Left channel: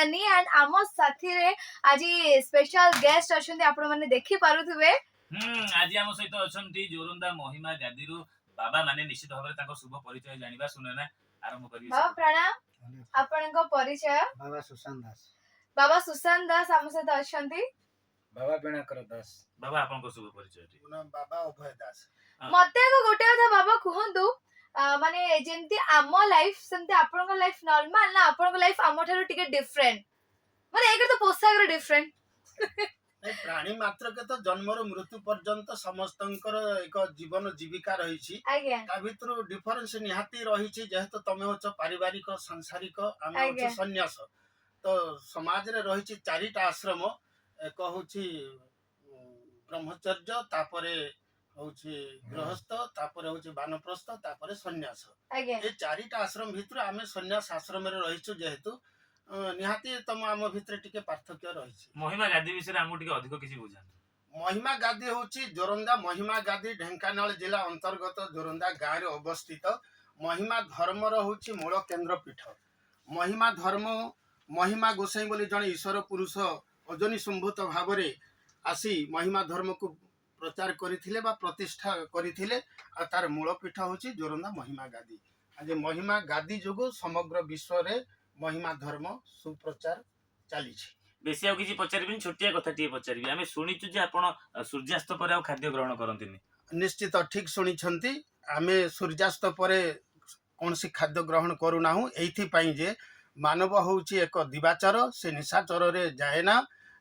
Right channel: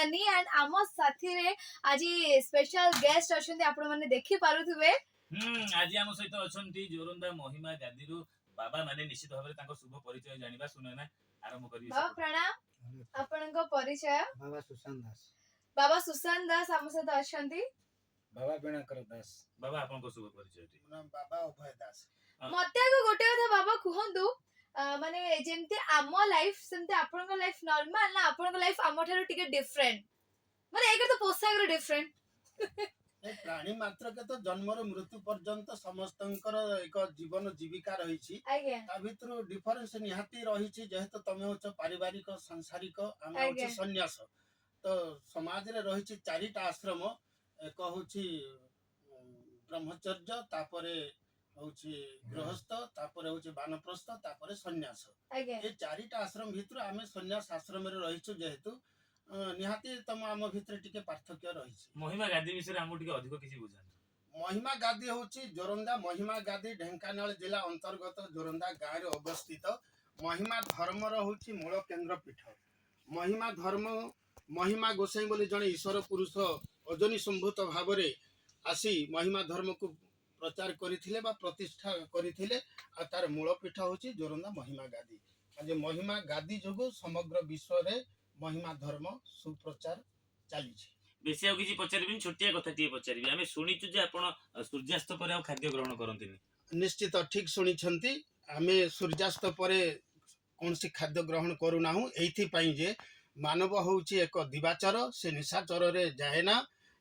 Sunny and आम साथी रे आज स्पेशल गेस्ट अछंती आपण माने देखि पारुथिबे। आज आम सहित अछंती जोरंदा महिमा गादीरु बाबा माने निश्चित भाबरे ताको शुभ परिचय जानिबा सुनेना आरंभ करिवे। बाबा प्रणाम, आपनको परिचय? बाबा सुशांत दास। बाबा सुशांत दास आम सहित अछंती। बाबा बिनाकर दास। बाबा आपनको शुभ परिचय। बाबा अभय दास। मते को गोटे कथा बाबा कहंतु माने जेंती आम लाइफ सेंती आपनको लाइफ नॉर्मल ना आपनको लाइफ आम ठारो टिके डिफरेंट माने एकर तो पोशाक रे डिफरेंट प्राणी मात्र के तो जन्म रो मृत्यु पर्यंत समस्तंकर एक जीवन जीविका रही आज्ञा ता भितर डिफरेंस निहाती रही जेहेतु तमे होच पारिवारिक सांसारिक आमे होच सन्यास तो समाज रे रही चारिटा आश्रम एक होची ब्रह्मचर्य तापरे होची गृहस्थ तापरे होची वानप्रस्थ तापरे सन्यास ए चारिटा आश्रम भितर आमे सन्यास आश्रम रे रहिछु जेहेतु निहाती तम आम भितर टिके पार्थक्य रही। महिमा गादी विषय आमु टिके अधिक किछि बुझान। महिमा गादी होची जोरंदा महिमा गादी ढेंकानाल जिला अंतर्गत जोरंदा गाँव रे अवस्थित महिमा धर्म रो होची मूल केंद्र पीठ। महिमा धर्म महिमा गोसाई बोली जने ईश्वर पुरुष अजनी संभूत भाव रे आसी महिमा धर्म को प्रचार करथिले बा प्रतिष्ठा करथिले आ तार मूल पीठ होची जोरंदा महिमा गादी। आज महिमा गादी जोगु समग्र विश्व रे महिमा धर्म सुप्रचार चली। बेसी आ किछि पचारिबिन छोटिया कथा टिए पचारिबि आमे सुनिचु जे आपण सूर्यास्त पर आ खाद्य ग्रहण करंतिनि। निश्चित ठीक सुनी छंती आमे सूर्यास्त पर कोनसी खाद्य ग्रहण करू नाहु एथि पई जे मानव होउची एक दिवाचर से निशाचर रे जाए ना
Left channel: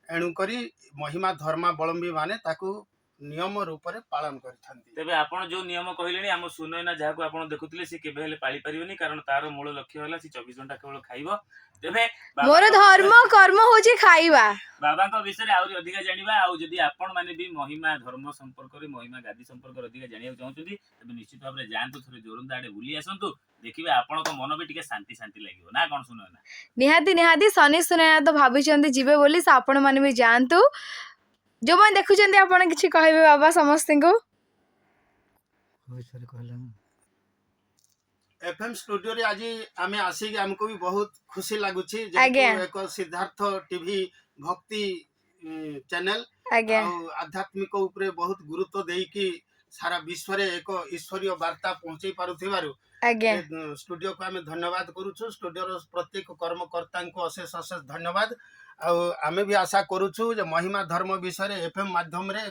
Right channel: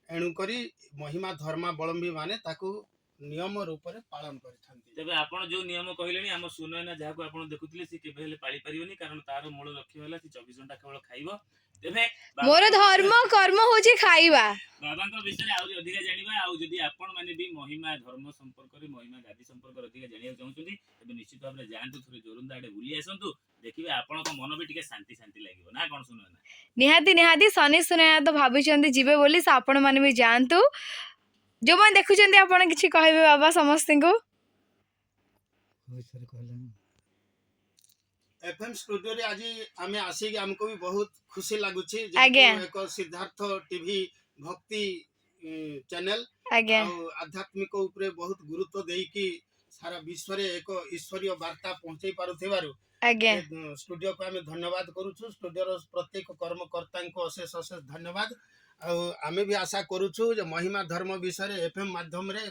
एणु करी महिमा धर्मावलंबी माने ताकू नियम रूप रे पालन करथांती। तबे आपण जो नियम कहिलेनी हम सुनयना जाहाको आपण देखुतिले से केबे हेले पाली परिबेनी कारण तार मूल लक्ष्य होला से 24 घंटा केवल खाइबो। तबे मोर धर्म कर्म होची खाइबा। बाबा को विषय आउरी अधिका जानिबा आ जदी आपण माने भी महिमा धर्म संपर्क रे महिमा गादी संपर्क रे अधिका जानिया चाहउछुदी तबे निश्चित भाबरे जानतु थरे जोरंदा आडे बुली आसंतु देखिबे आपण को मन भी टिके शांति शांति लागिवो ना कोन सुनयना। निहाती सनी सुनयना तो भाबिचंती जिबे बोली से आपण माने भी जानतु जो मन देखुचंती आपण किछि कहबे बाबा समस्त को। एफएम स्टूडियो रे आज आमे आसी हमको भी बहुत खुशी लागुची एक सिद्धार्थ टीवी भक्ति चैनल आध्यात्मिक ऊपर बहुत गुरुत्व देई कि सारा विश्व रे एक ईश्वरीय वार्ता पहुंचाई पारुथिबारु स्टूडियो को आमे धन्यवाद करूछु। स्टूडियो रो प्रत्येक कर्मकर्ता को अशेष अशेष धन्यवाद। आमे भी आशा करूछु जे महिमा धर्म विषय रे एफएम माध्यम रे